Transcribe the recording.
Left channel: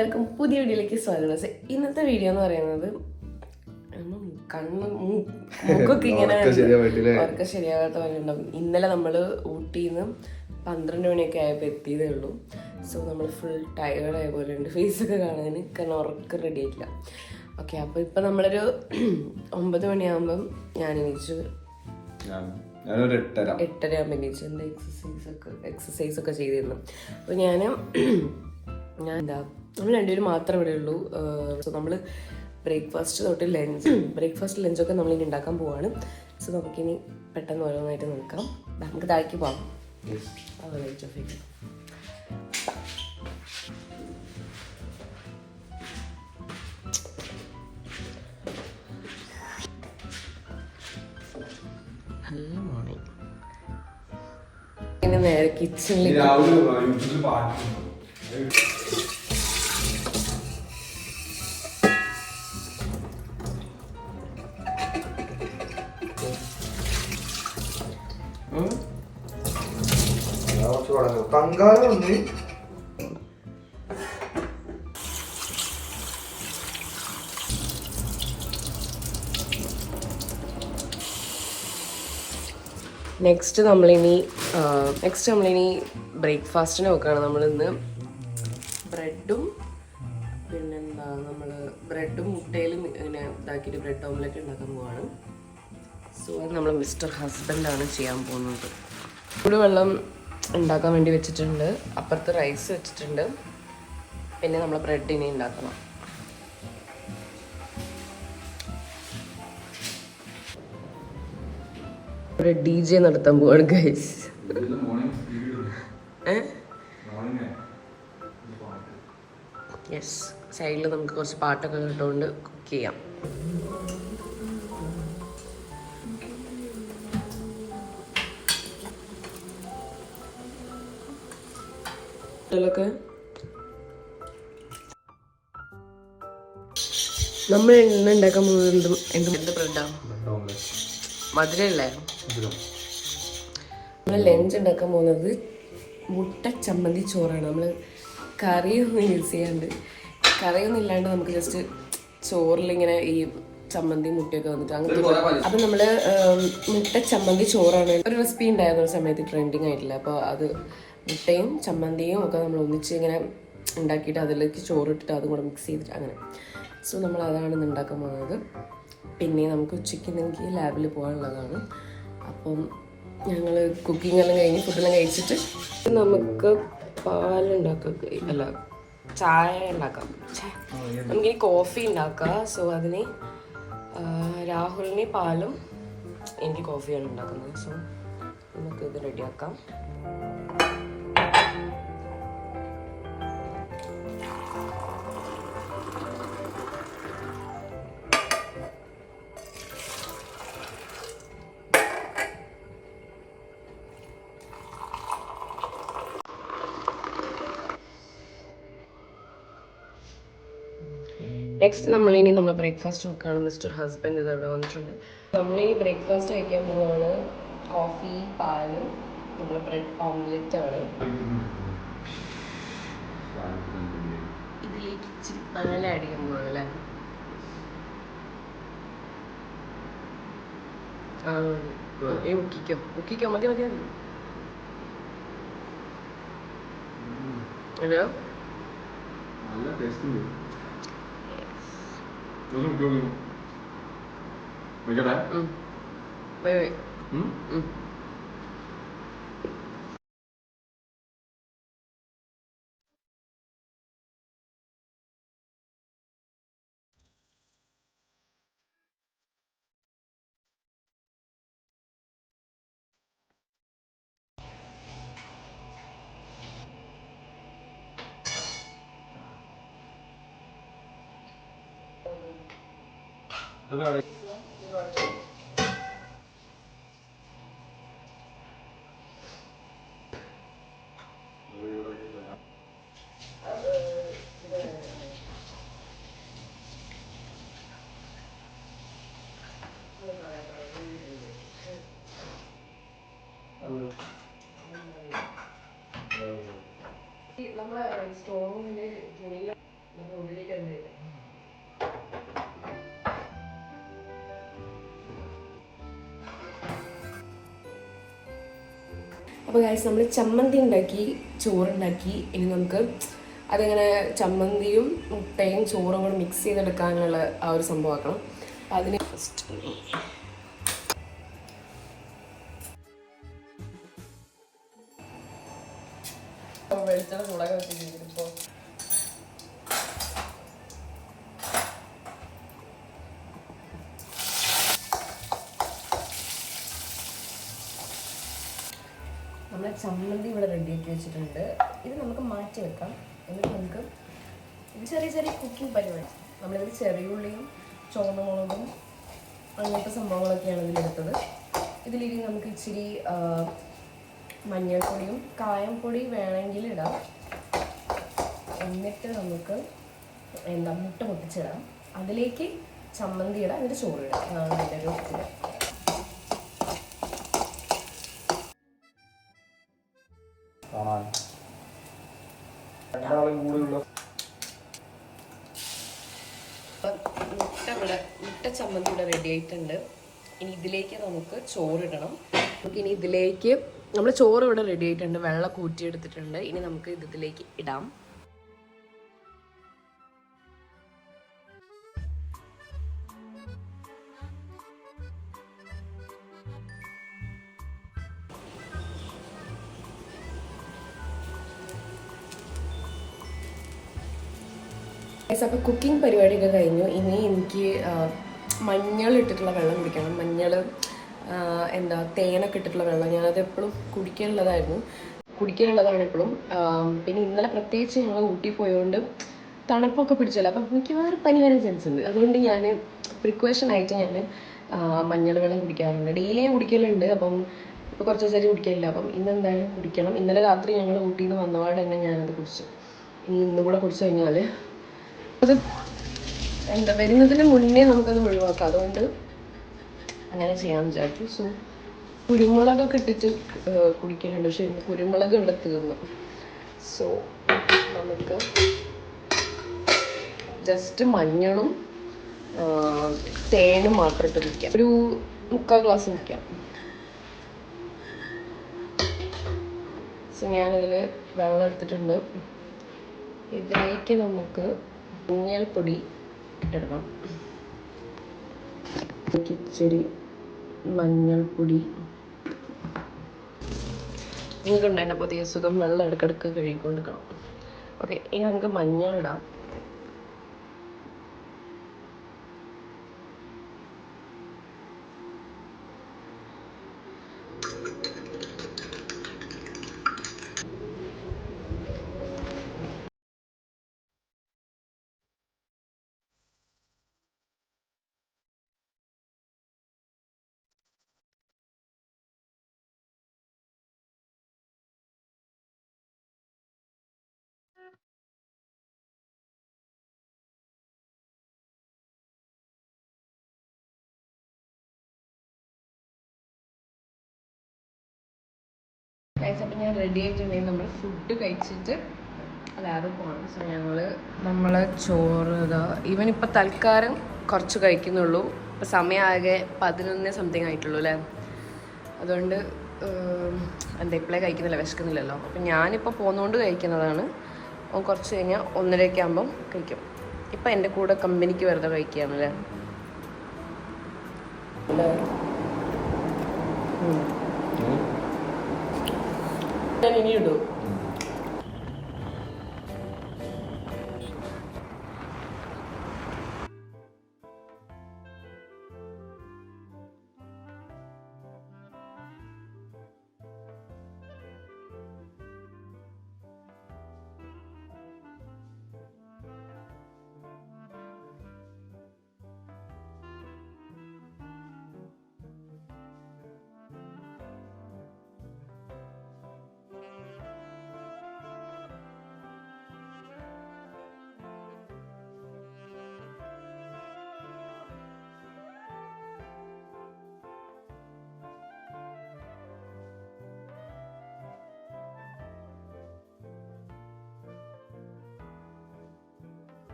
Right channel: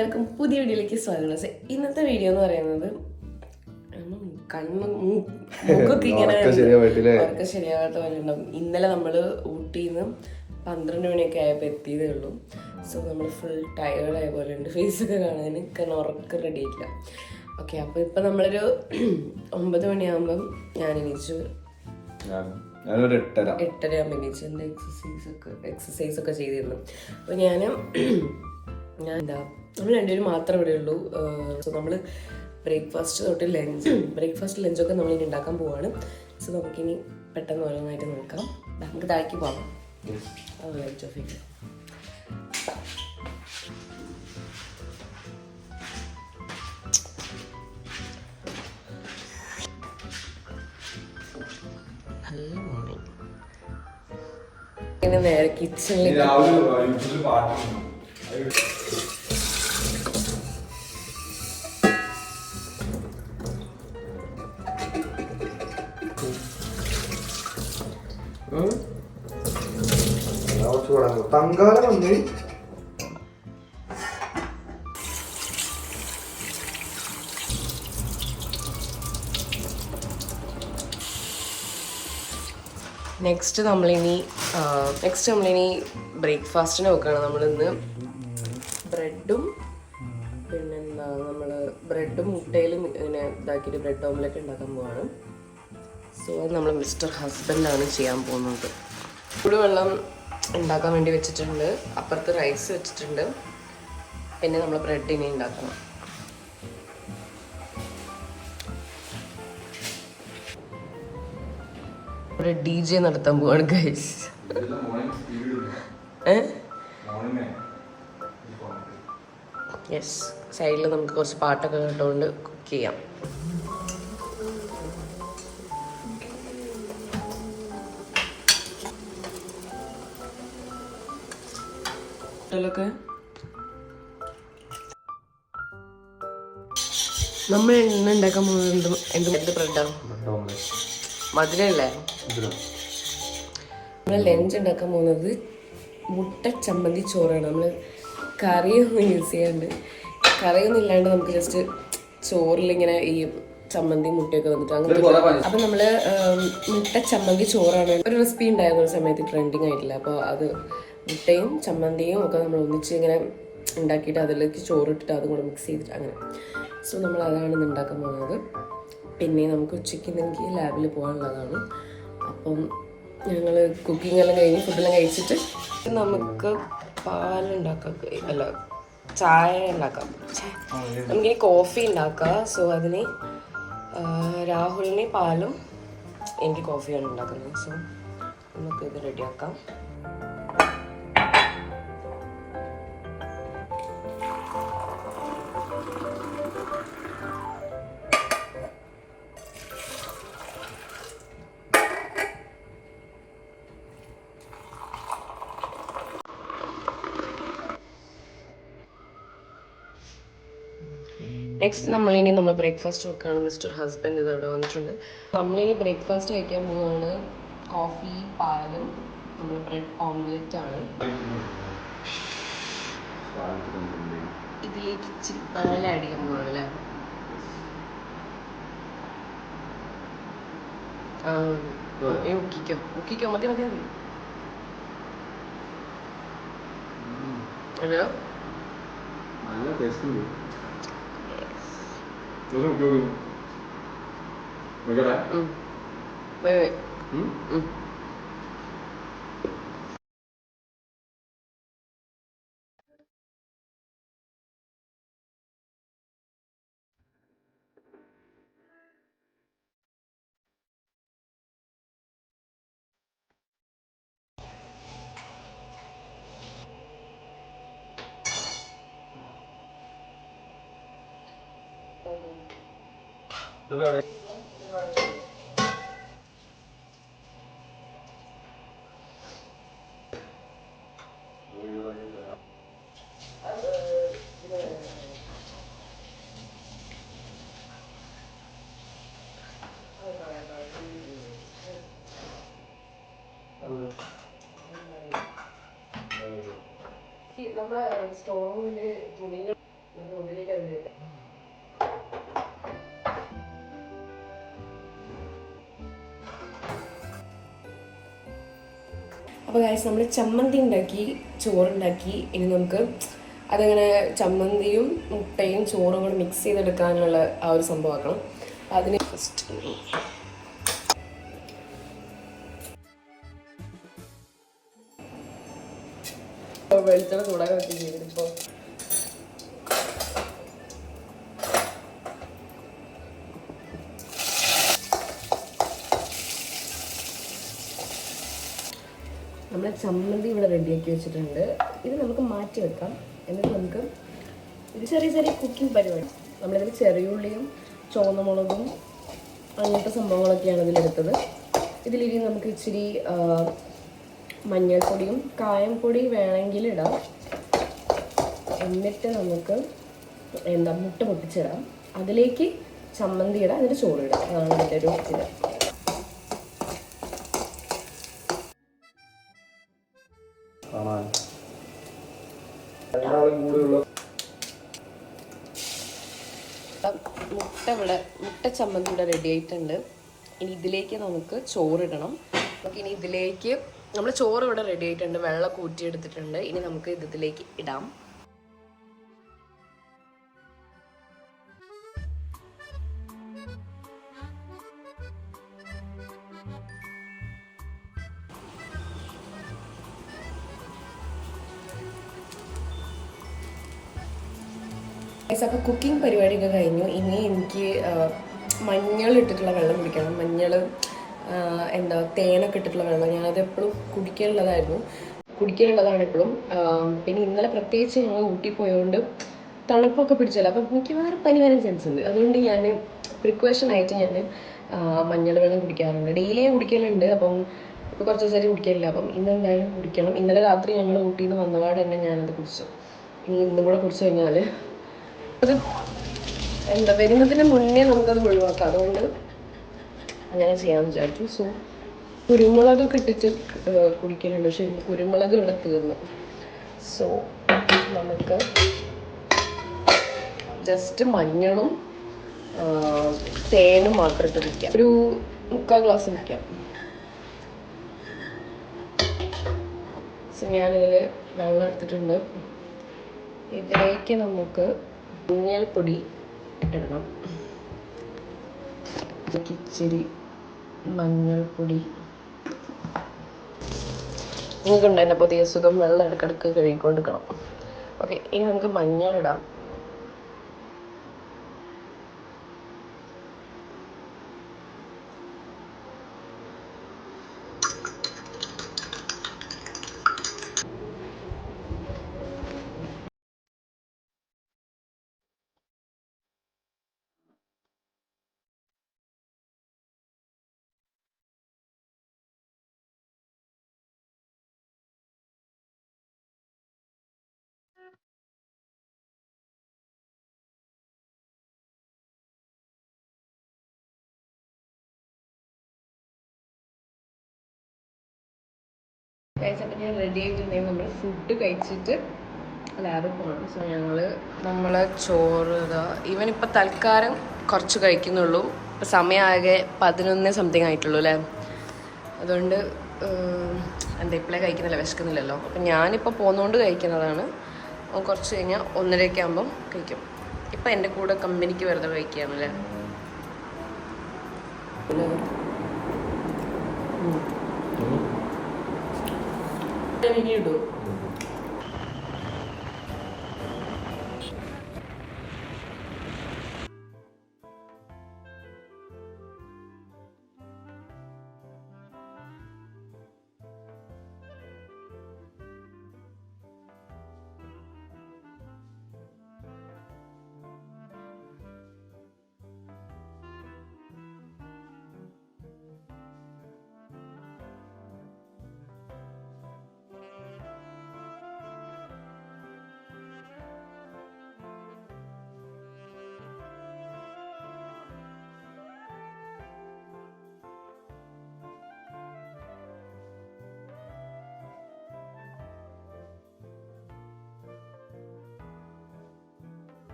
എല്ലാവർക്കും പുതിയ വീഡിയോയിലേക്ക് സ്വാഗതം. ഇന്നത്തെ വീഡിയോ എന്ന് പറയുന്നത് മൂക്കൊക്കെ ഇങ്ങനെ ഉറക്കം ശരിയാവാത്ത പോലെ ഉണ്ടാവും. ഇന്നലെ നമ്മൾ ഊട്ടിയിൽ നിന്ന് 12 മണിയൊക്കെ ആയപ്പോൾ എത്തിയതേ ഉള്ളൂ. സോ നമ്മൾ ഫുൾ ടയേർഡായ പോലെ ഉണ്ട്. ഫേസൊക്കെ കാണാൻ കാരണം ഉറക്കം റെഡി ആയിട്ടില്ല. ഓക്കെ, അപ്പോൾ ഇപ്പം നമ്മളൊരു 9 മണിയാകുമ്പം ഞാൻ എണീച്ചു. 8:30 ആകുമ്പോൾ എണീച്ചു. എൻ്റെ എക്സസൈസ് ഒക്കെ ചെയ്തിരുന്നു. അപ്പോൾ ഞാൻ എന്താ നമ്മൾ രണ്ടുപേരും മാത്രമേ ഇവിടെ ഉള്ളൂ. സോ നമ്മൾ ബ്രേക്ക്ഫാസ്റ്റ് തൊട്ട് ലഞ്ചൊക്കെ നമ്മളിനി ഉണ്ടാക്കാൻ പോവാണ്. സോ നമുക്കിനി പെട്ടെന്ന് ഓരോന്നായിട്ട് നോക്കാം. നമുക്ക് താഴേക്ക് പോവാം. ലൈറ്റ് ഓഫ് ചെയ്യും. നല്ല മോർണിംഗ്. ഇങ്ങനെ നേരെ കിച്ചണിലേക്ക് തങ്കാലം വന്ന് നെക്സ്റ്റ് നമ്മളിനി ബ്രേക്ക്ഫാസ്റ്റിന് നോക്കുകയാണ്. നമ്മളിന്ന് ബ്രെഡും പിന്നെന്താ ബ്രെഡും മുട്ടയിലും ഇങ്ങനെ ഇതാക്കിയിട്ട് ബ്രെഡ് ഓംലെറ്റ് ഉണ്ടാക്കാൻ പോവാണ്. സോ അത് നമ്മൾ മിസ്റ്റർ ഹസ്ബൻഡാണ് ചെയ്യാൻ പോകുന്നത്. ചൂടുവെള്ളം ഉണ്ടാക്കാൻ വേണ്ടി വെച്ചിട്ടുണ്ട്. അപ്പുറത്ത് റൈസ് വെച്ചിട്ടുണ്ട്. പിന്നെ നമ്മൾ ബ്രെഡ് ഇനി ഉണ്ടാക്കണം. ഒരു DJ നടത്താൻ പോവാണ് ഗൈസ്. യെസ്, സൈഡിൽ നമുക്ക് കുറച്ച് പാട്ടൊക്കെ കേട്ടുകൊണ്ട് കുക്ക് ചെയ്യാം. നമ്മൾ ഇന്ന് ഉണ്ടാക്കാൻ പോകുന്നത് എന്ത് ബ്രെഡാണ്? മധുരല്ലേ? നമ്മൾ ലഞ്ച് ഉണ്ടാക്കാൻ പോകുന്നത് മുട്ട ചമ്മന്തി ചോറാണ്. നമ്മൾ കറിയൊന്നും യൂസ് ചെയ്യാണ്ട്, കറിയൊന്നും ഇല്ലാണ്ട് നമുക്ക് ജസ്റ്റ് ചോറിലിങ്ങനെ ഈ ചമ്മന്തി മുട്ടയൊക്കെ വന്നിട്ട് അങ്ങനത്തെ. അപ്പം നമ്മൾ മുട്ട ചമ്മന്തി ചോറാണ്. ഒരു റെസിപ്പി ഉണ്ടായിരുന്ന ഒരു സമയത്ത് ട്രെൻഡിങ് ആയിട്ടില്ല. അപ്പോൾ അത് മുട്ടയും ചമ്മന്തിയും ഒക്കെ നമ്മൾ ഒന്നിച്ച് ഇങ്ങനെ ഉണ്ടാക്കിയിട്ട് അതിലേക്ക് ചോറിട്ടിട്ട് അതും കൂടെ മിക്സ് ചെയ്തിട്ട് അങ്ങനെ. സോ നമ്മൾ അതാണ് ഇന്ന് ഉണ്ടാക്കാൻ പോകുന്നത്. പിന്നെ നമുക്ക് ഉച്ചയ്ക്ക് എനിക്ക് ലാബിൽ പോകാനുള്ളതാണ്. അപ്പം ഞങ്ങൾ കുക്കിംഗ് എല്ലാം കഴിഞ്ഞ് ഫുഡെല്ലാം കഴിച്ചിട്ട് നമുക്ക് പാലുണ്ടാക്കാം, അല്ല ചായ ഉണ്ടാക്കാം. നമുക്കിനി കോഫി ഉണ്ടാക്കാം. സോ അതിന് രാഹുലിന് പാലും എനിക്ക് കോഫിയാണ് ഉണ്ടാക്കുന്നത്. സോ നമുക്കിത് റെഡിയാക്കാം. നെക്സ്റ്റ് നമ്മളിനി നമ്മൾ ബ്രേക്ക്ഫാസ്റ്റ് നോക്കുകയാണ്. മിസ്റ്റർ ഹസ്ബൻഡ് ഇത് അവിടെ വന്നിട്ടുണ്ട്. നമ്മൾ ഈ ബ്രേക്ക്ഫാസ്റ്റ് കഴിക്കാൻ പോകുന്നതാണ് കോഫി, പാലും നമ്മൾ ബ്രെഡ് ഓംലെറ്റ് ആണ്. ഇതിലേക്ക് ഇച്ചിരി പാൽ ആഡ് ചെയ്യാൻ പോവാണ് അല്ലേ? ഉക്കിക്കോ മതി മതി മതി. ഹലോ, നല്ല ടേസ്റ്റ് ഉണ്ട്. അപ്പോൾ ഗൈസ് നമ്മൾ ചമ്മന്തി ഉണ്ടാക്കി, ചോറുണ്ടാക്കി. ഇനി നമുക്ക് അതങ്ങനെ ചമ്മന്തിയും മുട്ടയും ചോറും കൂടെ മിക്സ് ചെയ്തെടുക്കാനുള്ള ആ ഒരു സംഭവമാക്കണം. അപ്പം അതിന് ഫസ്റ്റ് വെളിച്ചെണ്ണ ചൂടാൻ പറ്റിപ്പോൾ നമ്മളെ ചമ്മന്തി ഇവിടെ റെഡിയാക്കി വെച്ചിട്ടുണ്ട്. ഇത് നമുക്ക് മാറ്റി വെക്കാം. എന്നിട്ട് നമുക്ക് ഇത് ചെറിയ ചെറിയ കുക്കിംഗ് പരിപാടി. നമ്മളിതിൽ ചെറിയുള്ളിയും ചുവന്ന മുളകും അങ്ങനത്തെ സംഭവങ്ങളൊക്കെയാണ് ഇതിലെടുത്തത്. ഇതിലിനി നമുക്ക് ഇച്ചിരി മഞ്ഞൾപ്പൊടിയും കായംപൊടി വേണമെങ്കിൽ ഇടാം. എന്നിട്ട് നമുക്ക് മുട്ട പൊട്ടിച്ചിടാം. അതിലേക്ക് ചമ്മന്തി ഇടാം, എന്നിട്ട് ചോറ് ഇടാം. അതാണ് ഇതിൻ്റെ ഒരു ഇത്. മുട്ട ചമ്മന്തി ഇവിടെ റെഡി ആയിട്ടുണ്ട്. ഇനി ഇതിലേക്ക് നമുക്ക് ചോറിടണം. നമുക്കിനി ഇതിലേക്ക് നമ്മൾ ചോറ് ഇവിടെ റെഡി ആയിട്ടുണ്ട്, വെള്ളം കൂട്ടിയെടുത്തിട്ടുണ്ട്. ഇനി നമുക്ക് ഇതിലേക്ക് ഇടാം. അപ്പോൾ കുക്കിംഗ് പരിപാടിയൊക്കെ കഴിഞ്ഞു. ഇനി എനിക്ക് മഞ്ഞൾ ഇട്ടിട്ടുള്ള വെള്ളം കുടിക്കണം. മഞ്ഞൾ തേനൊക്കെ ഇട്ടിട്ടുള്ള വെള്ളം. ഞാനത് എപ്പോഴും കുടിക്കാനുള്ളതാണ് എപ്പോഴും. പിന്നെ ഇന്നലെ പ്രത്യേകിച്ച് ഞങ്ങൾ ഊട്ടി പോയതുകൊണ്ട് തണുപ്പൊക്കെ പിടിച്ചല്ലോ. അപ്പം എനിക്ക് വേറെ പനി വരാൻ ചാൻസ് ഉണ്ട്. അതുകൊണ്ട് ഞാൻ പ്രിക്കോഷനായിട്ട് ഞാൻ മഞ്ഞൾ വെള്ളം കുടിക്കാറുണ്ട്. ഡെയിലിയും കുടിക്കലുണ്ട്. അപ്പം ഇപ്പോൾ കുറച്ച് ദിവസമായിട്ട് കുടിക്കലില്ല. അപ്പം ഇന്ന് എന്തായാലും കുടിക്കണം. ഇന്നലെ രാത്രി ഞങ്ങൾ ഊട്ടിയിൽ നിന്ന് വന്നപാട് തന്നെ ഞാനത് കുടിച്ചു. ഇനി ഇന്നും കൂടെ കുടിച്ചു കഴിഞ്ഞാൽ അത് വരുന്നതിന് മുന്നേ നമുക്കത് ഒഴിവാക്കാം. അതുകൊണ്ട് അങ്ങനെ ചെയ്യാമെന്ന് വിചാരിച്ചു. സോ കുരുമുളകൊക്കെ ഇട്ടിട്ട് കുടിക്കലുണ്ട്. പക്ഷെ കുരുമുളക് ഇവിടെ തീർന്നു. സോ നമുക്ക് ജസ്റ്റ് മഞ്ഞളും തേനും മാത്രം ഇട്ട് കുടിക്കാം. ഒരു 3/4 ഗ്ലാസ് കുടിക്കാം. സോ ഞാനിതിൽ വെള്ളം എടുത്തിട്ടുണ്ട്. ഇതിലേക്ക് നമുക്ക് മഞ്ഞൾപ്പൊടി ഇട്ടിടണം. ഇച്ചിരി മഞ്ഞൾപ്പൊടി. നിങ്ങൾക്കുണ്ട് എൻ്റെ പുതിയ സുഖം വെള്ളം ഇടയ്ക്കിടയ്ക്ക് കഴുകിക്കൊണ്ടിരിക്കണം. ഓക്കെ, ഇനി നമുക്ക് മഞ്ഞളിടാം. കഴിച്ചപ്പോൾ ഞാൻ റെഡി ആയിട്ടുണ്ടെങ്കിൽ നമ്മൾ ഫുഡ് കഴിച്ചിട്ട് ലാബിൽ പോകണം. സോ നമ്മളെ ചോറ് ഇവനിപ്പോൾ തൽക്കാലം കുറച്ച് കഴിക്കുന്നുള്ളൂ. ഇപ്പോൾ സമയമാകെ 11 സംതിങ് ആയിട്ടുള്ളൂ അല്ലേ. അതുകൊണ്ട് ഇപ്പോഴേ കഴിക്കുന്നില്ല, വിശക്കുന്നില്ലല്ലോ. അപ്പം ഞാനിപ്പോൾ പോകുന്നതുകൊണ്ട് കഴിക്കുന്നതാണ്. കുറച്ച് കഴിഞ്ഞാൽ 1:30 ആകുമ്പം കഴിക്കും. ഇപ്പം എൻ്റെ കൂടെ കമ്പനിക്ക് വെറുതെ കഴിക്കുകയാണല്ലേ. ഇനി ഇടും